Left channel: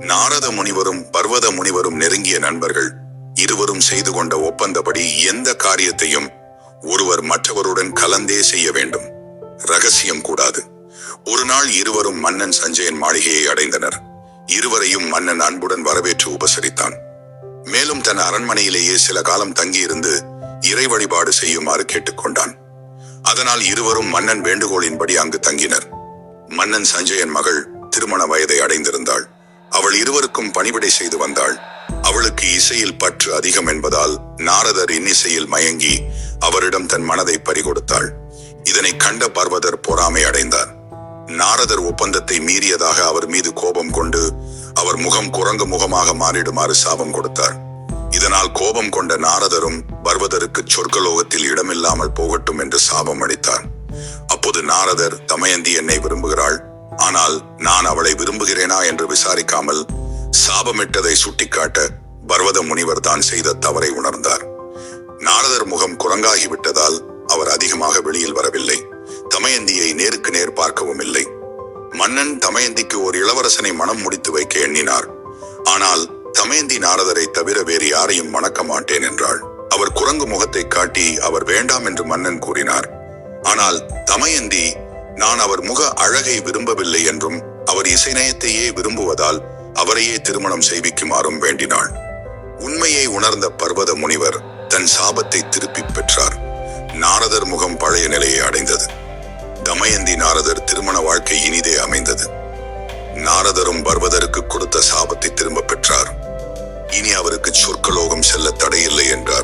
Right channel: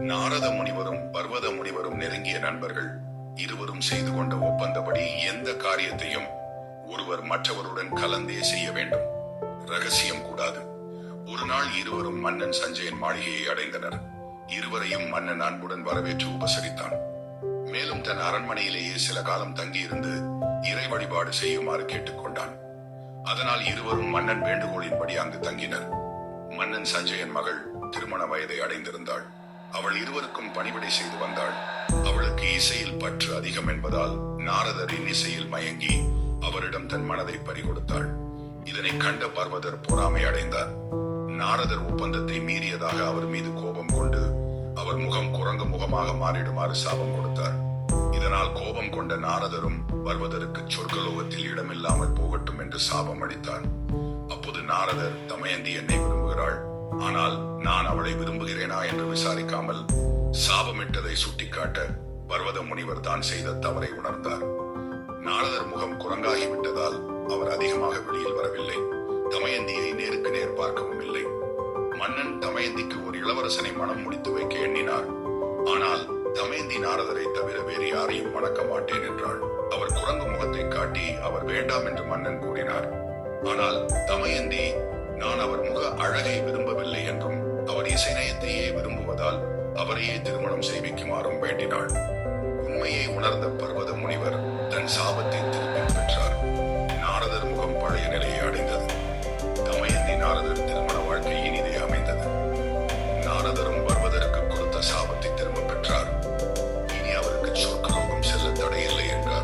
நாரத முனிவரும் பர்வத முனிவரும் நெருங்கிய நண்பர்கள் இருவரும் செய்து கொண்ட ஒப்பந்தப்படி எந்த காரியத்தையும் ஒருவர் மற்றவருடன் கலந்தே செய்ய வேண்டும். ரகசியம் கூடாது. ஒரு நாள் இருவரும் மன்னன் சஞ்சயன் மாளிகையை அடைந்தனர். இருவரையும் மன்னன் அன்புடன் வரவேற்று உபசரித்தான். மேலும் தன் அரண்மனையிலேயே சில காலம் தங்கியிருந்து இறை வழிபாடு செய்யுமாறு கேட்டுக்கொண்டான். அதனால் இருவரும் மன்னன் வேண்டுகோளின்படி அங்கு தங்கினர். மன்னன் சஞ்சயன் மகள் திருமண வயதை அடைந்திருந்தாள். அவள் இருவருக்கும் பணிவிடை செய்து வந்தாள். அவளுக்கு இசையில் பற்று அதிகம் என்பதால் நாரதர் இன்னிசையில் மயங்கி அவரிடம் தன் மனதை பறிகொடுத்தாள். இதனை கண்ட பர்வதர் பொறாமை அடைந்தார். நாரதர் ஒப்பந்தத்தை மீறியதாக அவர் மீது கோபம் கொண்டு அவர் முகம் குரங்கு முகமாக மாறிடுமாறு சாபம் கொடுத்தார். இதனால் கோபம் கொண்ட நாரதரும் பர்வதருக்கு சொர்க்கலோகத்தில் இடமில்லாமல் போகட்டும் என்று சாபம் அளித்தார். அப்போது நாரதர் தமயந்தி என்னை விரும்புகிறாள். ஆனால் நான் அவளை விரும்புகிறேனா என்று விசாரிக்காமல் சாபமிட்டதை சுட்டிக்காட்ட பர்வத முனிவர் தான் செய்த தவறை உணர்ந்தார். நாரதர் முகம் குரங்காகி விட்டதால் அவர் அதிகமாக வெளியில் வரவில்லை. தமயந்தியை நேருக்கு நேர் பார்க்கவும் இல்லை. மன்னன் தமயந்திக்கு ஒரு இளவரசனை மனம் முடித்து வைக்க எண்ணினார். ஆனால் தமயந்தி நாரதரை தவிர வேறு யாரையும் மணக்க மாட்டேன் என்றாள். அவர் குரங்கு முகத்தை காட்டி அவர் வேண்டாம் என்று மன்னன் கூறினார். ஆனால் தமயந்தி நான் அவர் முக அழகை விரும்பவில்லை என்றும் அவர் இசைநயத்தையே விரும்புவதால் அவரையே திருமணம் செய்விக்குமாறும் வேண்டினாள். உண்மையை உணர்ந்த பர்வத முனிவர் தன் சாபத்தை திருப்பிப் பெற்றார். நாரதர் முகம் பழைய நிலையை அடைந்தது. தமயந்தி நாரதர் திருமண வாழ்க்கை இனிதே அமைந்தது. நாரதரும் பர்வதருக்கு கொடுத்த சாபத்தை திரும்ப பெற்றார். இனி அவருக்கு சொர்க்கலோகம் செல்ல தடையில்லை என்றார்.